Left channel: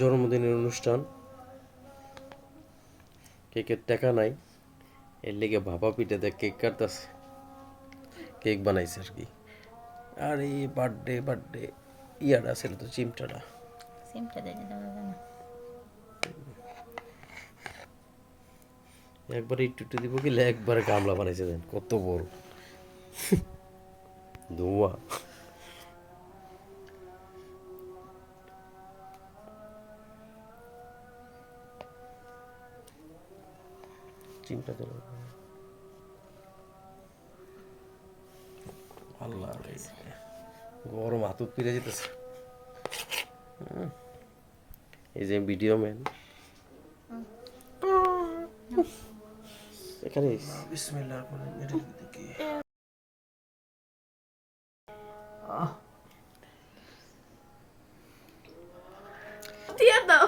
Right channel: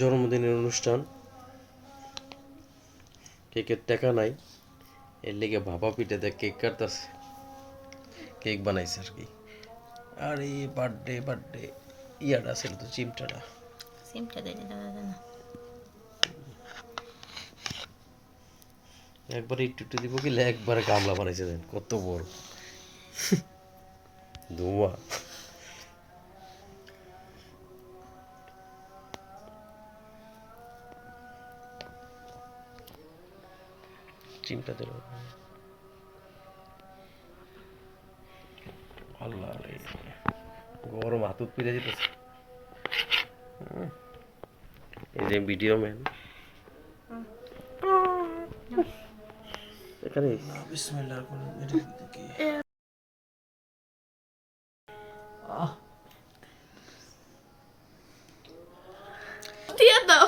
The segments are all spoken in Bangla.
জন্মদিনের অনুষ্ঠান, কেকের টাকা নাই, এর লেগে ভাপা পিঠাতে কেক কাটতেছে, কেক বানাইছে আর কি। আর এই বার্থডে ইয়াটা ছিল তো চিমটাটা, সিমটা দিয়ে দেওয়া যায় না। একবারে একটু দিব কি একবারে গামলা বানাইছে, দেন কত বড় ধোঁয়া। চিমটা দিল, আল্লাহ রে, গরম হাতুত পিড়ে যেতেছে। এই যে ভিডিও ম্যান এখানে বিসমিল্লাহ করে এর দিকে দিয়ে দাও,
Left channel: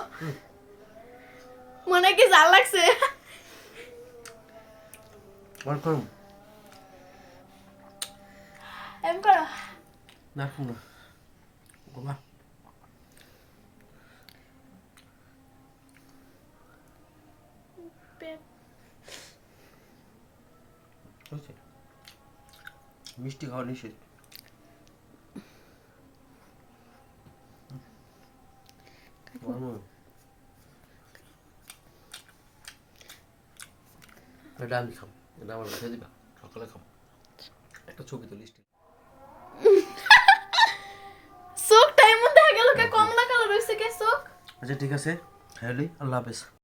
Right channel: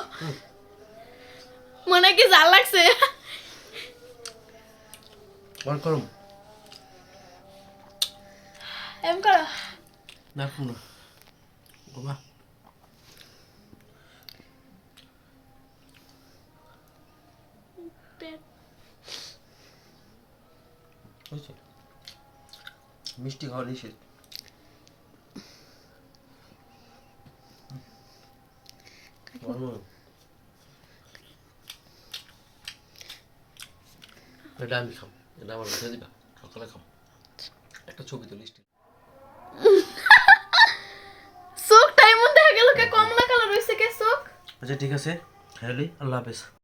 মনে কি জাল লাগছে? বল করুম এম করো না কোনো গোবা হয়েছে। মিষ্টি খাওয়া নিষেধ। এটা আমি খাম, এটা আমার রেখে দিবা, সকালে খাম। একটা ছবি তো লিস্টে। চোখ টাইম দেখা গেল কে কম না কালার হইছে কে চোখ। আচ্ছা ঠিক আছে, হ্যালো, আল্লাহ হাফেজ।